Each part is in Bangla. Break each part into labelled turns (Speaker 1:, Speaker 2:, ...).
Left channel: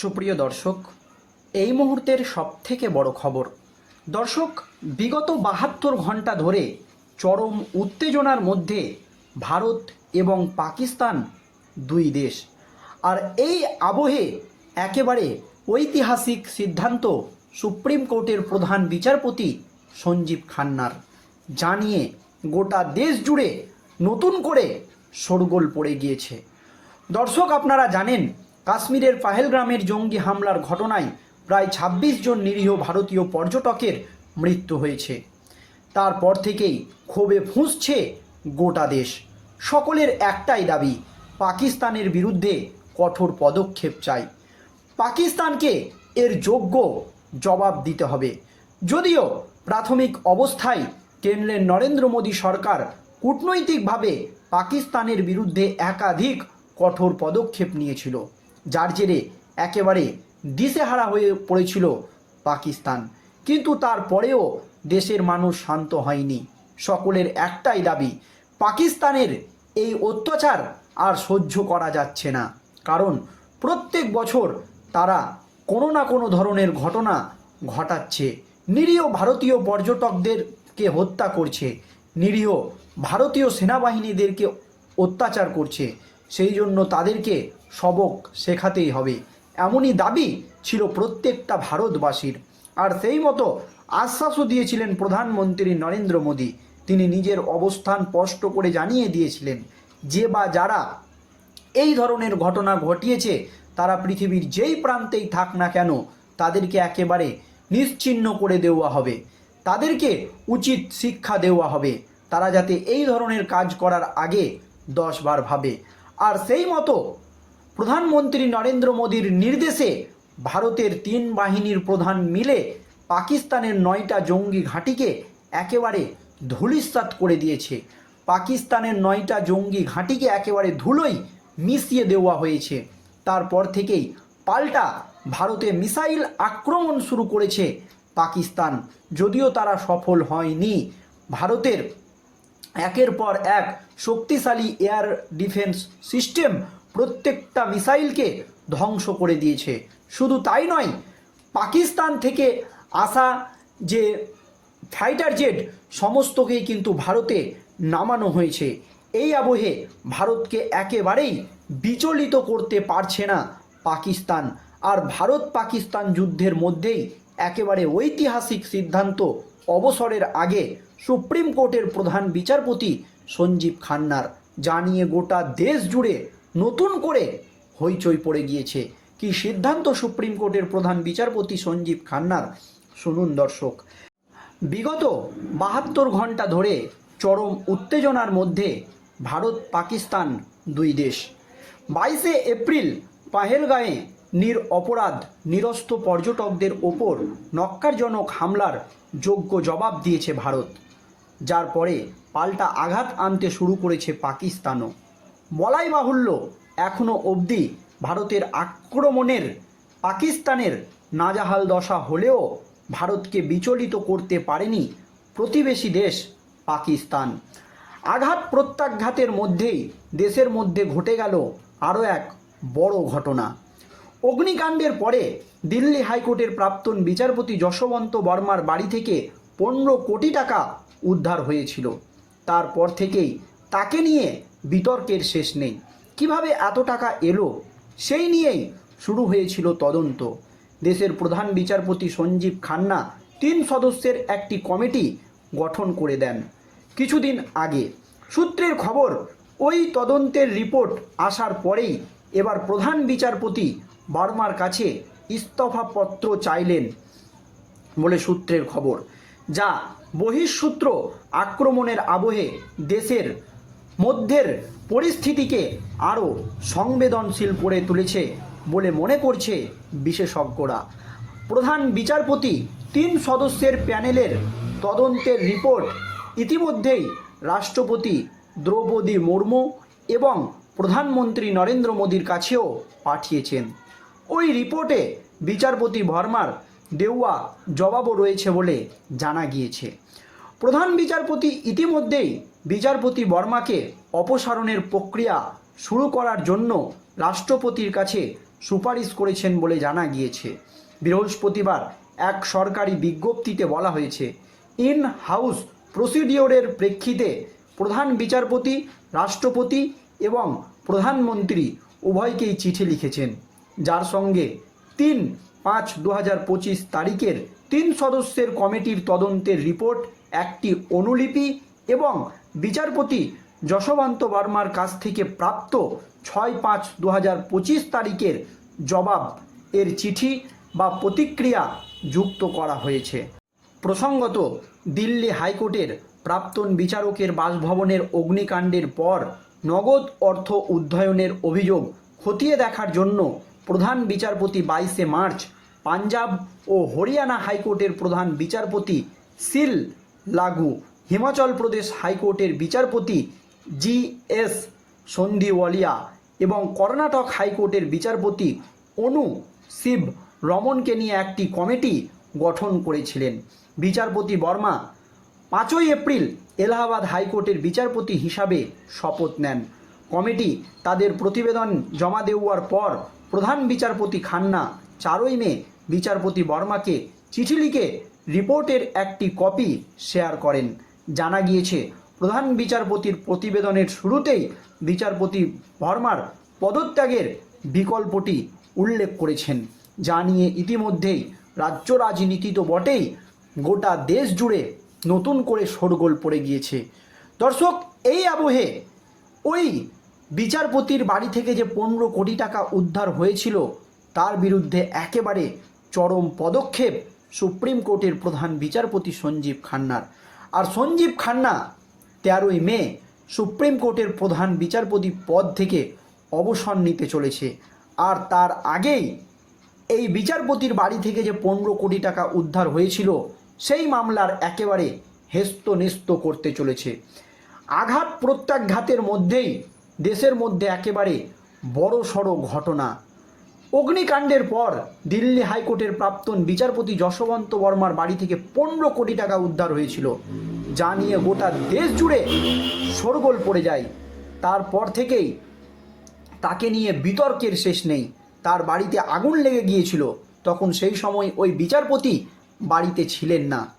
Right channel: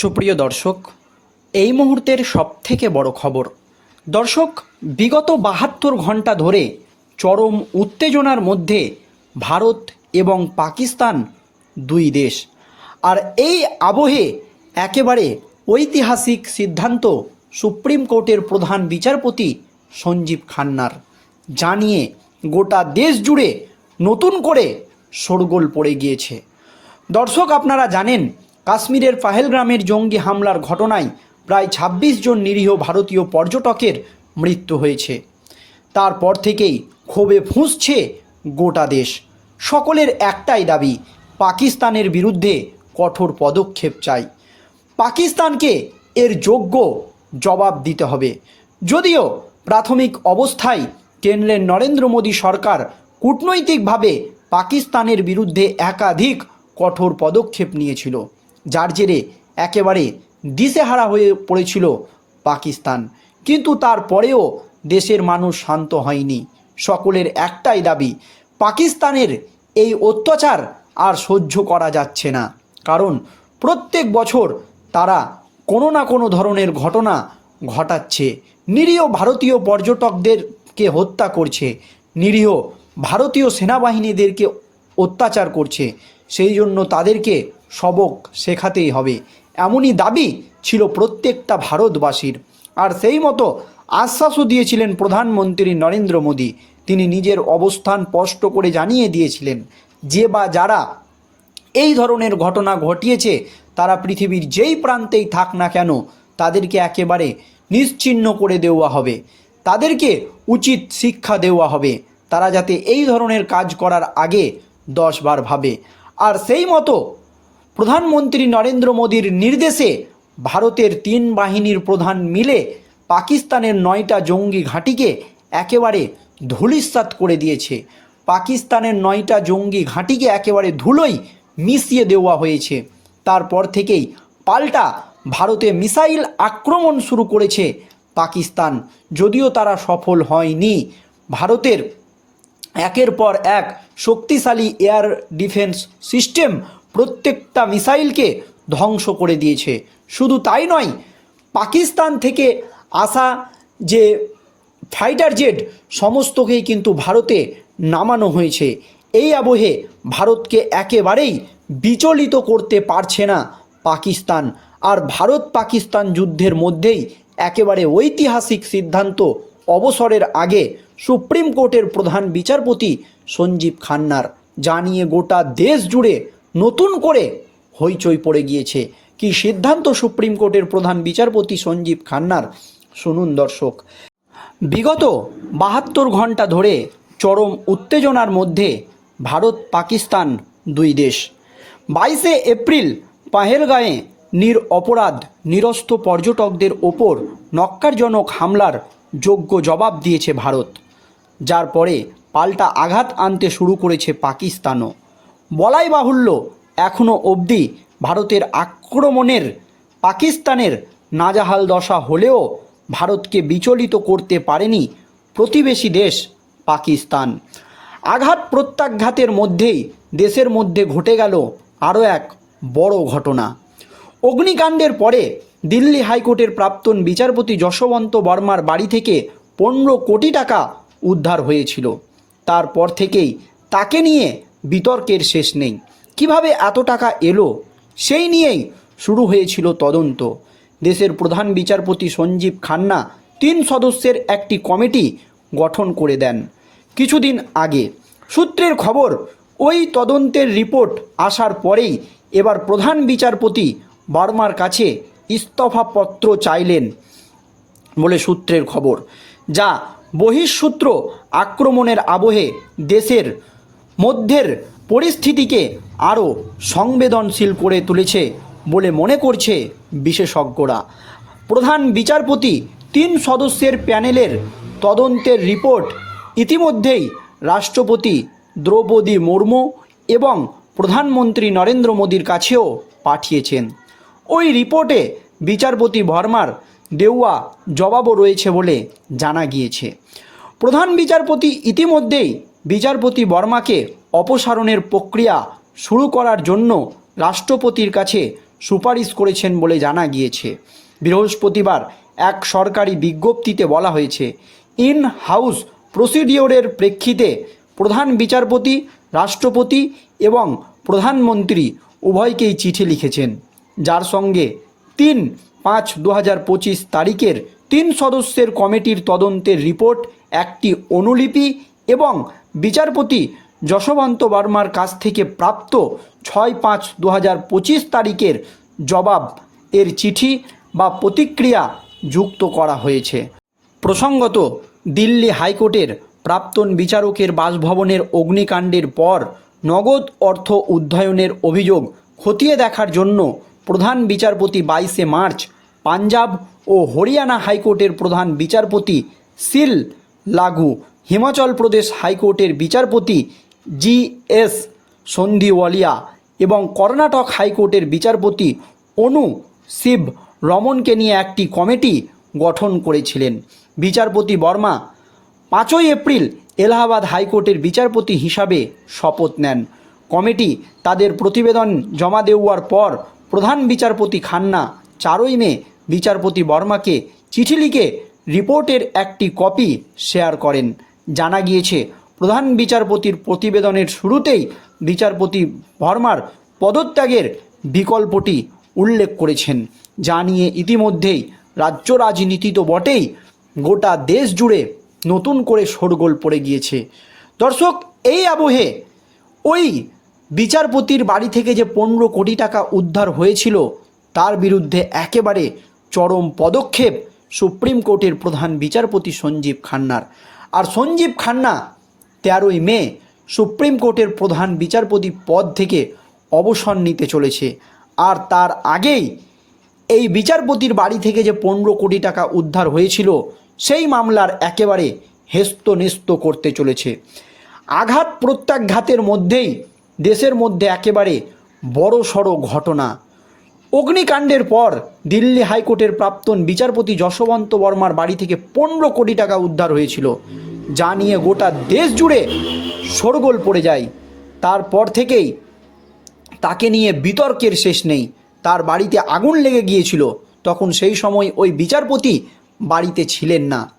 Speaker 1: সুপ্রিয় দর্শক, এই মুহূর্তের সবথেকে বড় খবর। দর্শক, বিগত বাহাত্তর ঘণ্টা ধরে চরম উত্তেজনার মধ্যে ভারত এবং পাকিস্তান দুই দেশ। আর এই আবহে একেবারে ঐতিহাসিক সিদ্ধান্ত সুপ্রিম কোর্টের প্রধান বিচারপতি সঞ্জীব খান্নার। জানিয়ে গোটা দেশ জুড়ে নতুন করে শোরগোল পড়ে গিয়েছে। দর্শক, আপনারা জানেন কাশ্মীরের পাহেলগ্রামের জঙ্গি হামলার ঘটনায় প্রায় ২৬ জন নিরীহ ভারতীয় পর্যটকের মৃত্যু হয়েছে। তারপর থেকেই ক্ষোভে ফুঁসছে গোটা দেশ। সকলের একটাই দাবি, পাকিস্তানের বিরুদ্ধে কঠোর পদক্ষেপ চাই। পাকিস্তানকে এর যোগ্য জবাব দিতে হবে। যদিও প্রাথমিক অবস্থায় কেন্দ্রের নরেন্দ্র মোদী সরকার কূটনৈতিকভাবে পাকিস্তানের বিরুদ্ধে একাধিক কঠোর পদক্ষেপ নিয়েছিল। যার জেরে একেবারে দিশেহারা হয়ে পড়েছিল পাকিস্তান। কিন্তু তারপরেও দেশের মানুষ শান্ত হয়নি। সকলের একটাই দাবি, পাকিস্তানের এই অত্যাচার আর সহ্য করা যাচ্ছে না। কারণ প্রত্যেক বছর তারা কোনো না কোনো ধরনের ঘটনা ঘটাচ্ছে। নিরীহ ভারতীয় পর্যটকদেরকে হত্যা করছে। নিরীহ ভারতীয় সেনাবাহিনীদেরকে অত্যাচার করছে। সেই জন্য তাদেরকে সবক শেখাতেই হবে। এমনই দাবি ছিল প্রত্যেকটা ভারতবাসীর। আর সেই মতো আশ্বাসও দিয়েছিলেন প্রধানমন্ত্রী নরেন্দ্র মোদী। তিনি নিজের অবস্থান স্পষ্ট করে জানিয়ে দিয়েছিলেন, যে বা যারা এই ধরনের ঘটনা ঘটিয়েছে, তারা পৃথিবীর যেই প্রান্তেই থাক না কেন, তাদেরকে একেবারে নিশ্চিহ্ন করে দেওয়া হবে। তাদেরকে উচিত শিক্ষা দেওয়া হবে। তারা যাতে এই ধরনের কাজ করার আগে দশবার ভাবে। আর সেই মতো প্রধানমন্ত্রী নরেন্দ্র মোদীর নির্দেশে ভারতের তিন বাহিনীর প্রধান মিলে পাকিস্তানের নয়টা জঙ্গি ঘাঁটিকে একেবারে ধূলিসাৎ করে দিয়েছে। পাকিস্তানের নয়টা জঙ্গি ঘাঁটিকে একেবারে ধুলোই মিশিয়ে দেওয়া হয়েছে। তারপর থেকেই পাল্টা ভারতে মিসাইল আক্রমণ শুরু করেছে পাকিস্তান। যদিও তারা সফল হয়নি। ভারতের একের পর এক শক্তিশালী এয়ার ডিফেন্স সিস্টেম প্রত্যেকটা মিসাইলকে ধ্বংস করে দিয়েছে। শুধু তাই নয়, পাকিস্তান থেকে আসা যে ফাইটার জেট, সমস্তকেই কিন্তু ভারতে নামানো হয়েছে। এই আবহে ভারতকে একেবারেই বিচলিত করতে পারছে না পাকিস্তান। আর ভারত পাকিস্তান যুদ্ধের মধ্যেই একেবারে ঐতিহাসিক সিদ্ধান্ত অবসরের আগে সুপ্রিম কোর্টের প্রধান বিচারপতি সঞ্জীব খান্নার। জানিয়ে গোটা দেশ জুড়ে নতুন করে হইচই পড়ে গিয়েছে। কি সিদ্ধান্ত সুপ্রিম কোর্টের প্রধান বিচারপতি সঞ্জীব খান্নার? শুনুন দর্শক। বিগত বাহাত্তর ঘণ্টা ধরে চরম উত্তেজনার মধ্যে ভারত পাকিস্তান দুই দেশ। বাইশে এপ্রিল পাহেলগাঁয়ে নির অপরাধ নিরস্ত পর্যটকদের ওপর নক্কারজনক হামলার যোগ্য জবাব দিয়েছে ভারত। যার পরে পাল্টা আঘাত আনতে শুরু করেছে পাকিস্তানও। বলাই বাহুল্য এখনও অবধি ভারতের আক্রমণের পাকিস্তানের নাজাহাল দশা হলেও ভারতকে বিচলিত করতে পারেনি প্রতিবেশী দেশ পাকিস্তান। আঘাত প্রত্যাঘাতের মধ্যেই দেশের মধ্যে ঘটে গেল আরও এক বড় ঘটনা। অগ্নিকাণ্ডের পরে দিল্লি হাইকোর্টের প্রাক্তন বিচারপতি যশবন্ত বর্মার বাড়ি থেকে পনেরো কোটি টাকা উদ্ধার হয়েছিল। তারপর থেকেই তাকে নিয়ে বিতর্কের শেষ নেই। কীভাবে এত টাকা এলো? সেই নিয়েই শুরু হয়েছিল তদন্ত। দেশের প্রধান বিচারপতি সঞ্জীব খান্না তিন সদস্যের একটি কমিটি গঠন করে দেন। কিছুদিন আগে। সূত্রের খবর, ওই তদন্তের রিপোর্ট আসার পরেই এবার প্রধান বিচারপতি বার্মার কাছে ইস্তফাপত্র চাইলেন বলে সূত্রের খবর, যা বহিঃসূত্র আক্রমণের আবহে দেশের মধ্যের পরিস্থিতিকে আরও সংবেদনশীল করে তুলেছে বলে মনে করছে বিশেষজ্ঞরা। প্রধান বিচারপতি তিন সদস্যের প্যানেলের তদন্তের রিপোর্ট ইতিমধ্যেই রাষ্ট্রপতি দ্রৌপদী মুর্মু এবং প্রধানমন্ত্রী নরেন্দ্র মোদীর কাছেও পাঠিয়েছেন। ওই রিপোর্টে বিচারপতি ভর্মার দেওয়া জবাবও রয়েছে বলে জানা গিয়েছে। প্রধান বিচারপতি ইতিমধ্যেই বিচারপতি বর্মাকে অপসারণের প্রক্রিয়া শুরু করার জন্য রাষ্ট্রপতির কাছে সুপারিশ করেছেন বলে জানা গিয়েছে। বৃহস্পতিবার এক সরকারি বিজ্ঞপ্তিতে বলা হয়েছে ইন হাউস প্রসিডিওরের প্রেক্ষিতে প্রধান বিচারপতি, রাষ্ট্রপতি এবং প্রধানমন্ত্রী উভয়কেই চিঠি লিখেছেন। যার সঙ্গে তিন পাঁচ দু তারিখের তিন সদস্যের কমিটির তদন্তের রিপোর্ট, একটি অনুলিপি এবং বিচারপতি যশবন্ত বর্মার কাছ থেকে প্রাপ্ত ছয় পাঁচ দু হাজার পঁচিশ তারিখের জবাব, এর চিঠি বা প্রতিক্রিয়া যুক্ত করা হয়েছে। প্রসঙ্গত, দিল্লি হাইকোর্টের প্রাক্তন বিচারকের বাসভবনের অগ্নিকাণ্ডের পর নগদ অর্থ উদ্ধায়নের অভিযোগ খতিয়ে দেখার জন্য প্রধান বিচারপতি বাইশে মার্চ পাঞ্জাব ও হরিয়ানা হাইকোর্টের প্রধান বিচারপতি সিল লাগু হিমাচল প্রদেশ হাইকোর্টের বিচারপতি জি এস সন্ধিওয়ালিয়া এবং কর্ণাটক হাইকোর্টের বিচারপতি অনু শিব রমনকে নিয়ে একটি কমিটি গঠন করেছিলেন। বিচারপতি বর্মা পাঁচই এপ্রিল এলাহাবাদ হাইকোর্টের বিচারপতি হিসাবে শপথ নেন। কমিটি তাদের প্রতিবেদন জমা দেওয়ার পর প্রধান বিচারপতি খান্না চারই মে বিচারপতি বর্মাকে চিঠি লিখে রিপোর্টের একটি কপি শেয়ার করেন। জানা গিয়েছে, প্রধান বিচারপতির প্রতিবেদনের শুরুতেই বিচারপতি বর্মার পদত্যাগের বিকল্পটি উল্লেখ করেছেন। যা নিয়ে ইতিমধ্যেই রাজ্য রাজনীতি তো বটেই, গোটা দেশ জুড়ে নতুন করে শোরগোল পড়ে গিয়েছে। দর্শক, এই আবহে ওই বিচারপতির বাড়ি থেকে যে পনেরো কোটি টাকা উদ্ধার হয়েছিল, তার বিরুদ্ধে একেবারে চরম পদক্ষেপ সুপ্রিম কোর্টের প্রধান বিচারপতি সঞ্জীব খান্নার। আর সঞ্জীব খান্না তেরোই মে সুপ্রিম কোর্টের প্রধান বিচারপতি পদ থেকে অবসর নিতে চলেছে। আর তার আগেই এই বিচারপতির বাড়ি থেকে যে পনেরো কোটি টাকা উদ্ধার হয়েছিল, সেই মামলার একেবারে হেস্ত নেস্ত করতে চলেছে। আঘাত প্রত্যাঘাতের মধ্যেই দেশের মধ্যে একেবারে বড় সড়ো ঘটনা অগ্নিকাণ্ডের পর দিল্লি হাইকোর্টের প্রাক্তন বিচারপতি যশবন্ত বর্মার বাড়ি থেকে পনেরো কোটি টাকা উদ্ধার হয়েছিল। যা নিয়ে গোটা দেশ জুড়ে শোরগোল পড়ে যায়। তারপর থেকেই তাকে নিয়ে বিতর্কের শেষ নেই। তার বাড়িতে আগুন লেগে গিয়েছিল। তখন সেই সময় ওই বিচারপতি বাড়িতে ছিলেন না।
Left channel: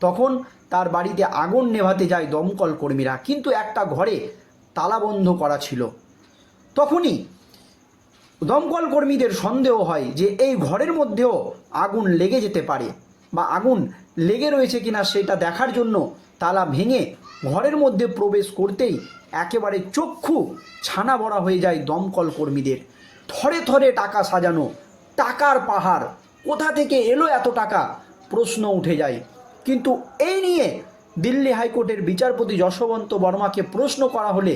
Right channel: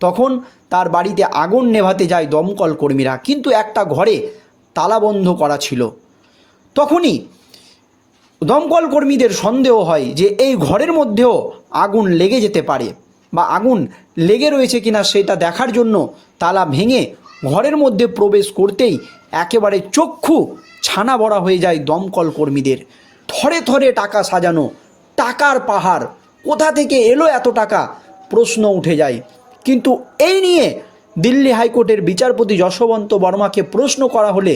Speaker 1: তখন তার বাড়িতে আগুন নেভাতে যায় দমকল কর্মীরা। কিন্তু একটা ঘরে তালাবন্ধ করা ছিল। তখনই দমকল কর্মীদের সন্দেহ হয় যে এই ঘরের মধ্যেও আগুন লেগে যেতে পারে বা আগুন লেগে রয়েছে কিনা সেটা দেখার জন্য তালা ভেঙে ঘরের মধ্যে প্রবেশ করতেই একেবারে চক্ষু ছানা বড়া হয়ে যায় দমকল কর্মীদের। থরে থরে টাকা সাজানো, টাকার পাহাড়, কোথা থেকে এলো এত টাকা? প্রশ্ন উঠে যায়। কিন্তু এই নিয়ে দিল্লি হাইকোর্টের বিচারপতি যশবন্ত বর্মাকে প্রশ্ন করা হলে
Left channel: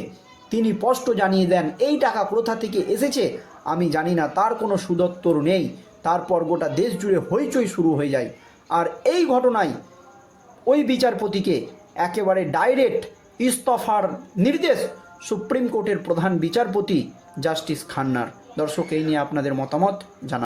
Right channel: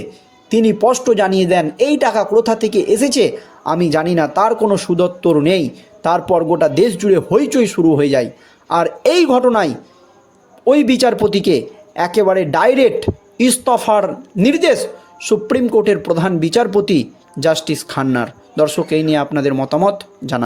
Speaker 1: তিনি স্পষ্ট জানিয়ে দেন, এই টাকা কোথা থেকে এসেছে? আমি জানি না, তার কোনো সুদত্তর নেই। তারপর গোটা দেশ জুড়ে হইচই শুরু হয়ে যায়। আর এই ঘটনায় ওই বিচারপতিকে একেবারে ডাইরেক্ট ইস্তফার নির্দেশ সুপ্রিম কোর্টের প্রধান বিচারপতি জাস্টিস খান্নার। দর্শক, এই নিয়ে আপনাদের মতামত জানা